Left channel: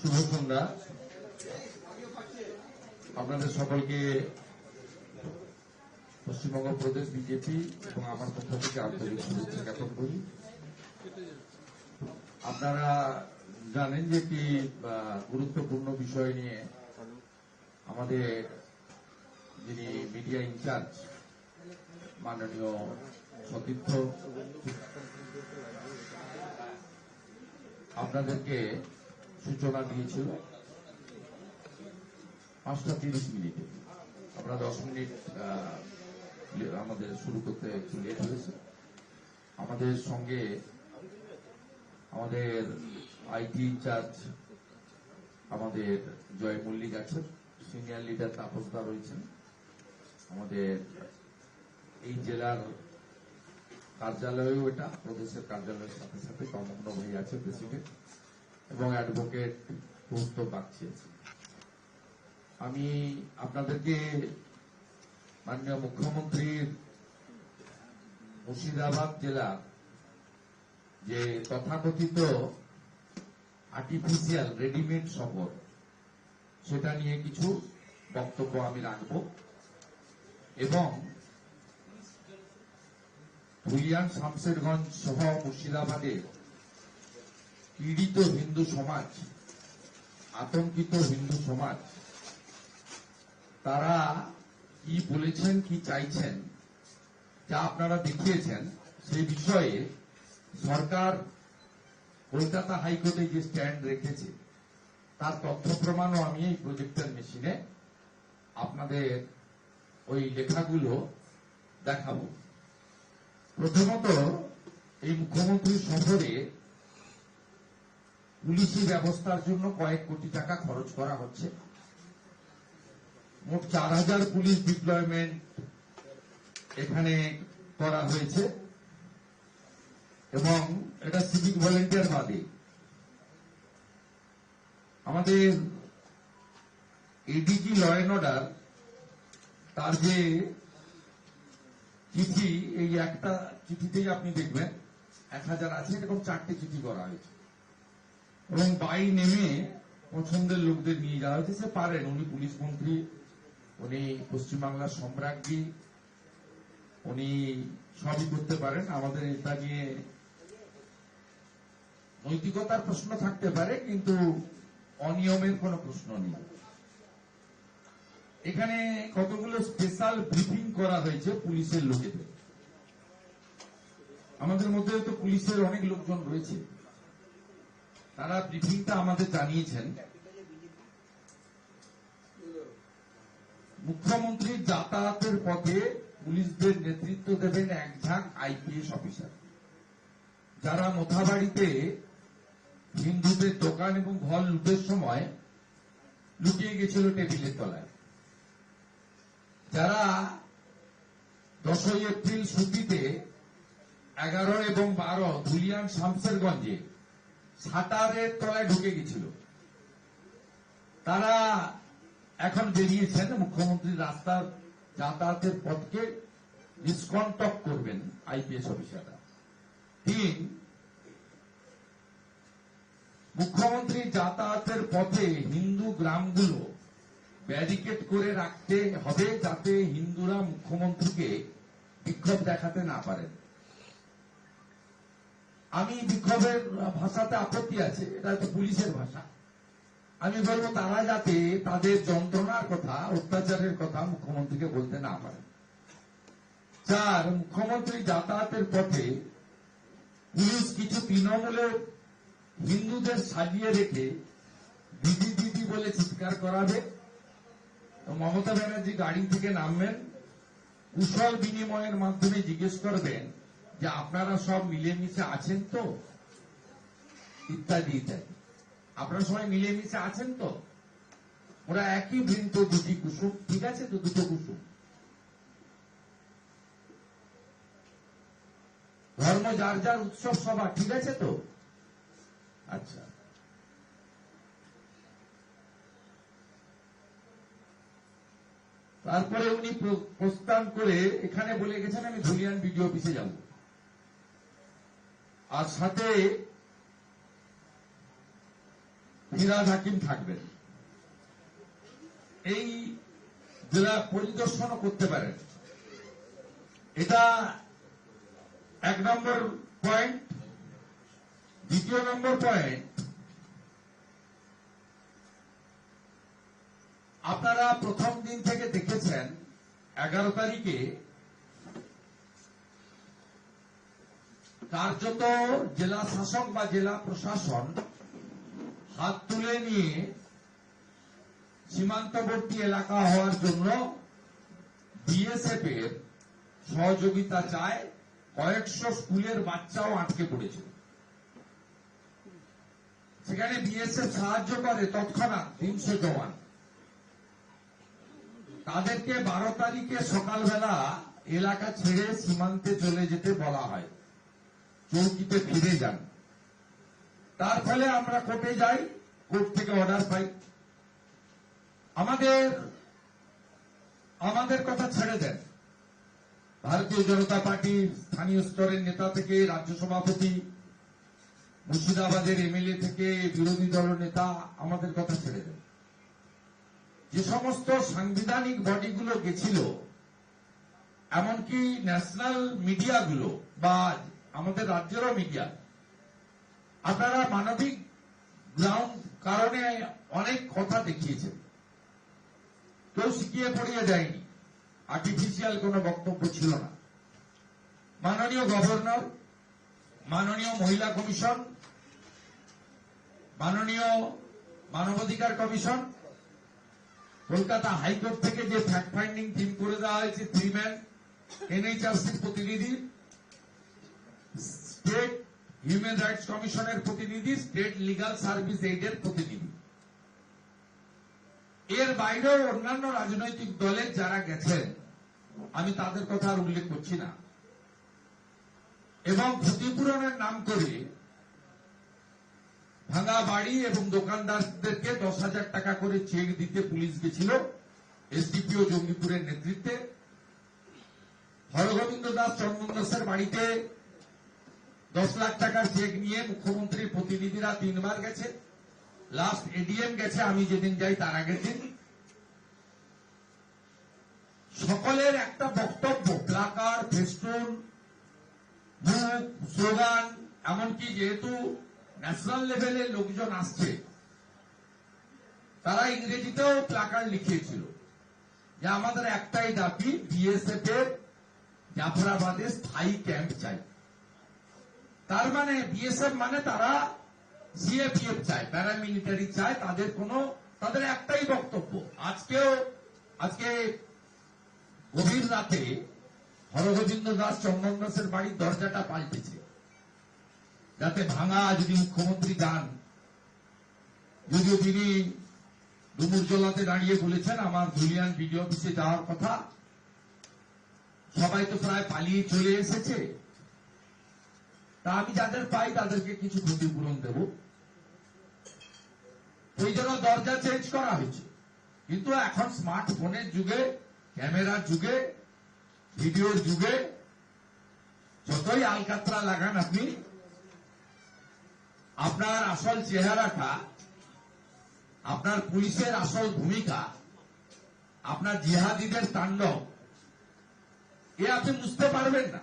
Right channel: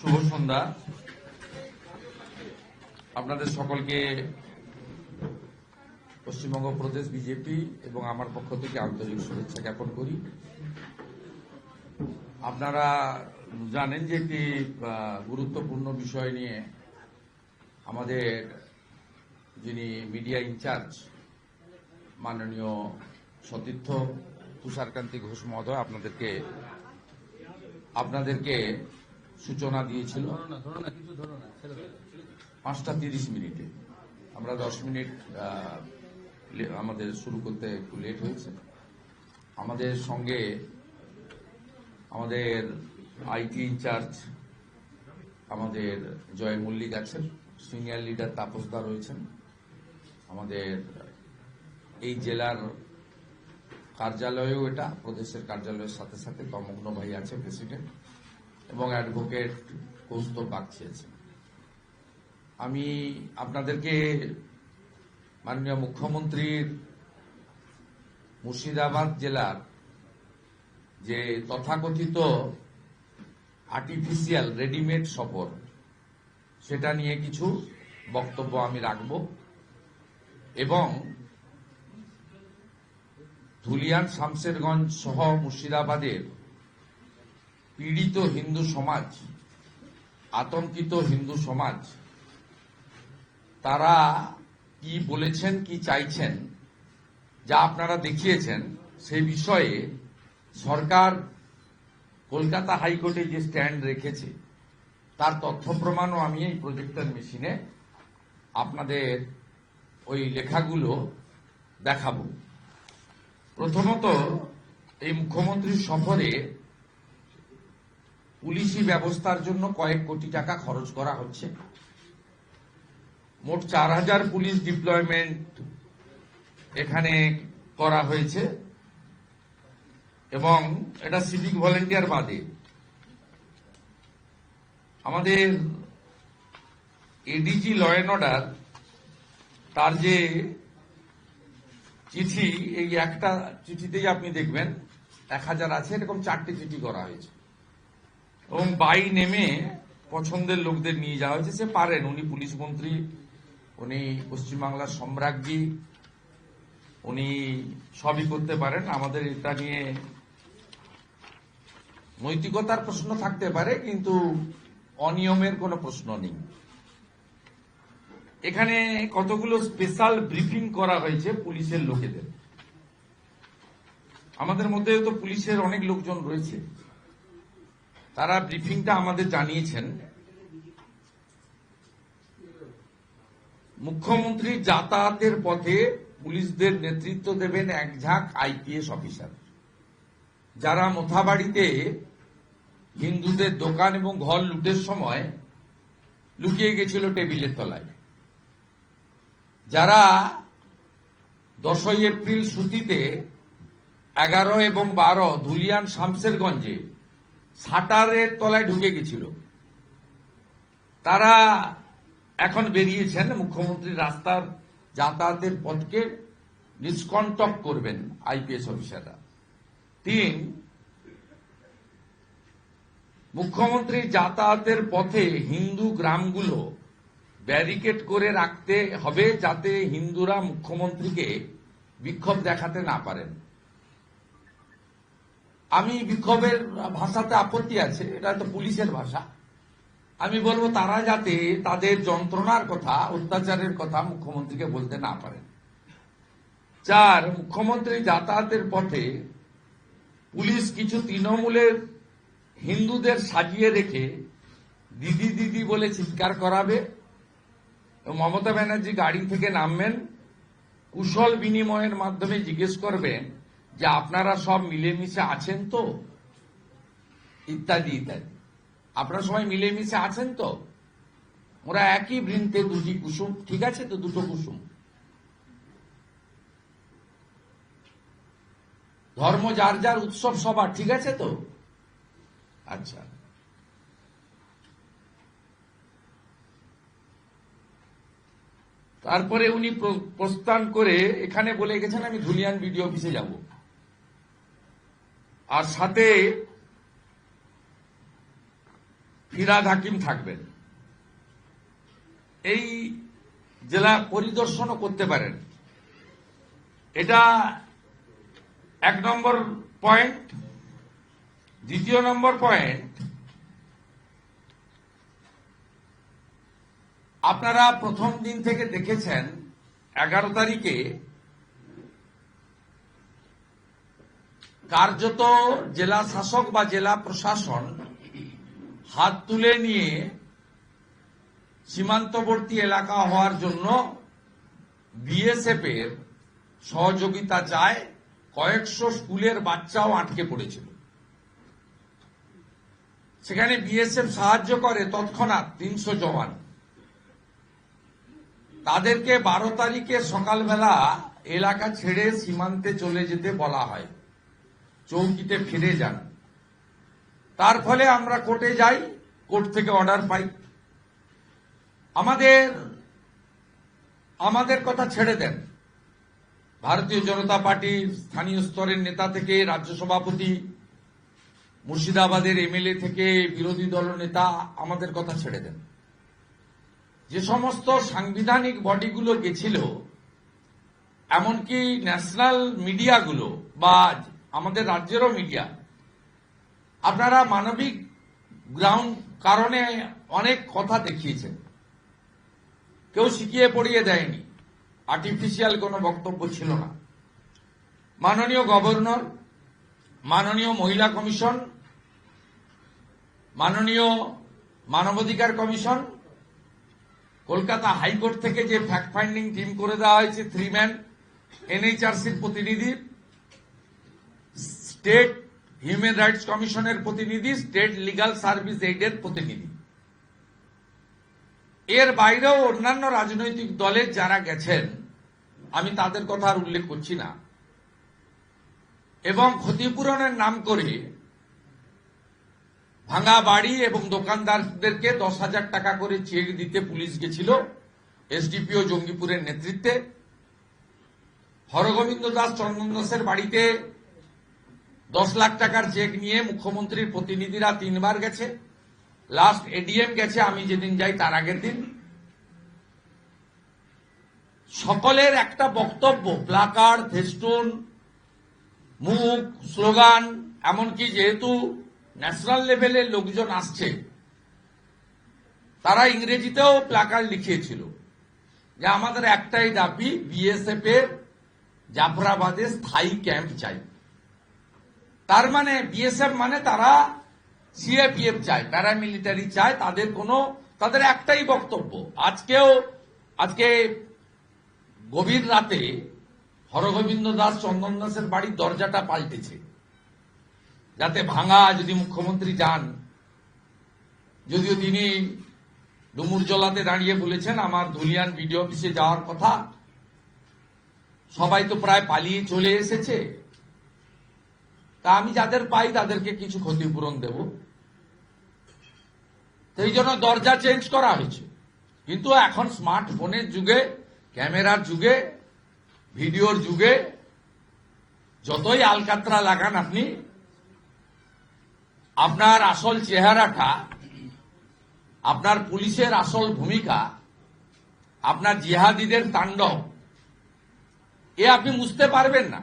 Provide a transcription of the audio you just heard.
শুভ সন্ধ্যা। আপনাদের সকলকে পশ্চিমবঙ্গ প্রদেশ বিজেপি এবং আমার পক্ষ থেকে আন্তরিক শুভেচ্ছা জ্ঞাপন করি। আপনারা জানেন যে একটি গুরুত্বপূর্ণ বিষয় নিয়ে আমাদের যিনি মিডিয়া ইনচার্জ মাননীয় সতীর্থ তুষারকান্তি ঘোষ মহোদয় আপনাদেরকে সূচনা দিয়েছিল 5:30 আমরা 10 মিনিট আমাদের শুরু করতে একটু লেট হয়েছে। আমাদের সঙ্গে আমাদের আইটি ইনচার্জ আমাদের জয় মল্লিক আছেন, সিনিয়র লিডার তাপসদা রয়েছেন, আমাদের এই জেলার কার্যালয়েও এটা প্রদেশের কার্যালয়ের সাথে সাথে তমগ্ন ভাই আছে প্রেসিডেন্ট, এবং অ্যাডভোকেট কৌস্তব বাগচি আছে। আমি আপনাদেরকে মাননীয় মুখ্যমন্ত্রীর মুর্শিদাবাদ জেলার যে তথাকথিত আর্টিফিশিয়াল রেডিমেড সফর সেটা নিয়ে কিছু বক্তব্য আমি রাখব, এবং ধুলিয়ান শামশেরগঞ্জ সহ মুর্শিদাবাদের পীড়িত হিন্দু সমাজ, আতঙ্কিত হিন্দু সমাজ, তারা কি বলেছেন, কি চাইছেন, যা আপনারা দেখিয়েছেন সেই বিষয়ে সরকার কলকাতা হাইকোর্টে যে স্ট্যান্ড রেখেছে তার তথ্য প্রমাণও আমি এই প্রজেক্টর মেশিনে আপনাদের ওই লেখাগুলো দেখাবো। প্রথমত, এই মুখ্যমন্ত্রীর সফরে পুলিশি ব্যবস্থার জন্য কয়েক কোটি টাকা খরচ করা হচ্ছে। মোট 4000 পুলিশ ডিপ্লয়মেন্ট এখানে করা হয়েছে, এবং এটা সিভিক ভলেন্টিয়ার বাদে আমাদের এডিজি ল অ্যান্ড অর্ডার তার যে চিঠি, এই একটা চিঠিতেই আপনি দেখবেন 1000 আছে, এরকম 4টে চিঠি করা হয়েছে, এবং বাই নেমে পছন্দের লোকদের নিয়ে যাওয়া হয়েছে। সে পারেন, উনি পুলিশ মন্ত্রী, উনি পশ্চিমবাংলার সম্রাজ্ঞী, উনি সবই করতে পারেন। আমাদের এটা নিয়ে নৈতিকতার প্রশ্ন থাকতে পারে, কিন্তু অনিয়মের কোনো প্রশ্ন নেই। এখানে কতগুলো স্পেশাল ব্রিফিং করা হয়েছে পুলিশের লোকেদের। আমাদের মধ্যে তো পুলিশের অনেক লোকজন রয়েছে, তারা ব্রিফিংটা আমাদের জানিয়েছেন। মুখ্যমন্ত্রী যাতায়াতের পথে পুলিশদের নেতৃত্ব দেবেন এক ঝাঁক আইপিএস অফিসার, যারা মোথাবাড়িতে হিন্দুদের দোকান এবং ঘর লুটের সময় লুকিয়ে গেছিল টেবিলের তলায়, যারা 10ই এপ্রিল সুতিতে 11 এবং 12 ধুলিয়ান শামশেরগঞ্জে শাটারের তলায় ঢুকে গেছিল, তারা এখন বেরিয়েছেন। মুখ্যমন্ত্রীর রাস্তার যাতায়াতের পথকে নিষ্কণ্টক করবেন আইপিএস অফিসাররা। 3, মুখ্যমন্ত্রীর যাতায়াতের পথে হিন্দু গ্রামগুলো ব্যারিকেড করে রাখতে হবে, যাতে হিন্দুরা মুখ্যমন্ত্রীকে বিক্ষোভ দেখাতে না পারেন। আমি বিক্ষোভের ভাষাতে আপত্তি আছে, এটা তো পুলিশের ভাষা। আমি বলবো তারা যাতে তাদের যন্ত্রণার কথা, অত্যাচারের কথা মুখ্যমন্ত্রীকে বলতে না পারেন। 4, মুখ্যমন্ত্রী যাতায়াতের পথে পুলিশ কিছু তৃণমূলের হিন্দুদের সাজিয়ে রেখে দিদি দিদি বলে চিৎকার করাবে। মমতা ব্যানার্জি গাড়ি থেকে নামবেন, কুশল বিনিময়ের মাধ্যমে জিজ্ঞেস করবেন যে আপনারা সব মিলেমিশে আছেন তো, ইত্যাদি ইত্যাদি। আপনারা সবাই মিলেমিশে আছেন তো? ওরা একই বৃন্তে দুটি কুসুম, ঠিক আছে তো? দুটো কুসুম। ধর্ম যার যার, উৎসব সবার, ঠিক আছে তো? আচ্ছা, তারপরে উনি প্রস্থান করে এখানে বলে গেছেন আমি ধুলিয়ান বিডিও অফিসে যাব, আর সাথে ফিরাদ হাকিম থাকবেন। এই জেলা পরিদর্শনও করতে পারেন। এটা 1 নম্বর পয়েন্ট। 2 নম্বর পয়েন্ট, আপনারা প্রথম দিন থেকে দেখেছেন 11 তারিখে কার্যত জেলা শাসক বা জেলা প্রশাসন হাত তুলে নিয়ে সীমান্তবর্তী এলাকা হওয়ার জন্য বিএসএফ এর সহযোগিতা চায়। কয়েকশো স্কুলের বাচ্চাও আটকে পড়েছিল, সেখানে বিএসএফ সাহায্য করে তৎক্ষণাৎ 300 জওয়ান। তাদেরকে 12 তারিখে সকালবেলা এলাকা ছেড়ে সীমান্তে চলে যেতে বলা হয়, চৌকিতে ফিরে যান। তার ফলে আমরা কোর্টে যাই, কোর্ট থেকে অর্ডার পাই। আমাদের কথা ছেড়ে দেন, ভারতীয় জনতা পার্টির স্থানীয় স্তরের নেতা থেকে রাজ্য সভাপতি, মুর্শিদাবাদের এমএলএ থেকে বিরোধী দল নেতা, আমাদের কথা ছেড়ে দেন। যে সমস্ত সাংবিধানিক বডিগুলো গেছিল, এমনকি ন্যাশনাল মিডিয়াগুলো বা আমাদের রাজ্যেরও মিডিয়া, আপনারা মানবিক গ্রাউন্ড কারণে অনেক কথা দেখিয়েছেন, কেউ শিখিয়ে পড়িয়ে দেয়নি, আর্টিফিশিয়াল কোনো বক্তব্য ছিল না। মাননীয় গভর্নর, মাননীয় মহিলা কমিশন, মাননীয় মানবাধিকার কমিশন, কলকাতা হাইকোর্ট থেকে যে ফ্যাক্ট ফাইন্ডিং টিম করে দেওয়া হয়েছে 3 ম্যান, এনএইচআরসির প্রতিনিধি, স্টেট হিউম্যান রাইটস কমিশনের প্রতিনিধি, স্টেট লিগাল সার্ভিস এইডের প্রতিনিধি, এর বাইরেও অন্যান্য রাজনৈতিক দলের যারা গেছেন, আমি তাদের কথা আর উল্লেখ করছি না। এবং ক্ষতিপূরণের নাম করে ভাঙা বাড়ি এবং দোকানদারদেরকে 10,000 টাকা করে চেক দিতে পুলিশ গেছিল এসডিপিও জঙ্গিপুরের নেতৃত্বে। হরগোবিন্দ দাস, চন্দন দাসের বাড়িতে 10 লাখ টাকার চেক নিয়ে মুখ্যমন্ত্রীর প্রতিনিধিরা 3 বার গেছে। লাস্ট এডিএম গেছে আমি যেদিন যাই তার আগের দিন। সকলের একটা বক্তব্য, প্লাকার্ড, ফেস্টুন, মুখ, স্লোগান, এমনকি যেহেতু ন্যাশনাল লেভেলের লোকজন আসছে, তারা ইংরেজিতেও প্লাকার্ড লিখিয়েছিল যে আমাদের একটাই দাবি, বিএসএফ এর জাফরাবাদে স্থায়ী ক্যাম্প চাই। তার মানে বিএসএফ মানে তারা সিএপিএফ চায়, প্যারামিলিটারি চায়, তাদের একটাই বক্তব্য। আজকে গভীর রাতে হরগোবিন্দ দাস, চন্দন দাসের বাড়ির দরজাটা পাল্টেছে, যাতে ভাঙা, যদি মুখ্যমন্ত্রী যান। যদিও তিনি ডুমুরজলাতে দাঁড়িয়ে বলেছেন আমার ধুলিয়ান বিডিও অফিসে যাওয়ার কথা, সবাই তো প্রায় পালিয়ে চলে এসেছে, তা আমি যাদের পাই তাদেরকে কিছু ক্ষতিপূরণ দেব। এই জন্য দরজা চেঞ্জ করা হয়েছে। কিন্তু এখন স্মার্টফোনের যুগে, ক্যামেরার যুগে, ভিডিওর যুগে যতই আলকাতরা লাগান আপনি, আপনার আসল চেহারাটা, আপনার পুলিশের আসল ভূমিকা, আপনার জিহাদিদের তাণ্ডব, এ আপনি বুঝতে পারবেন না।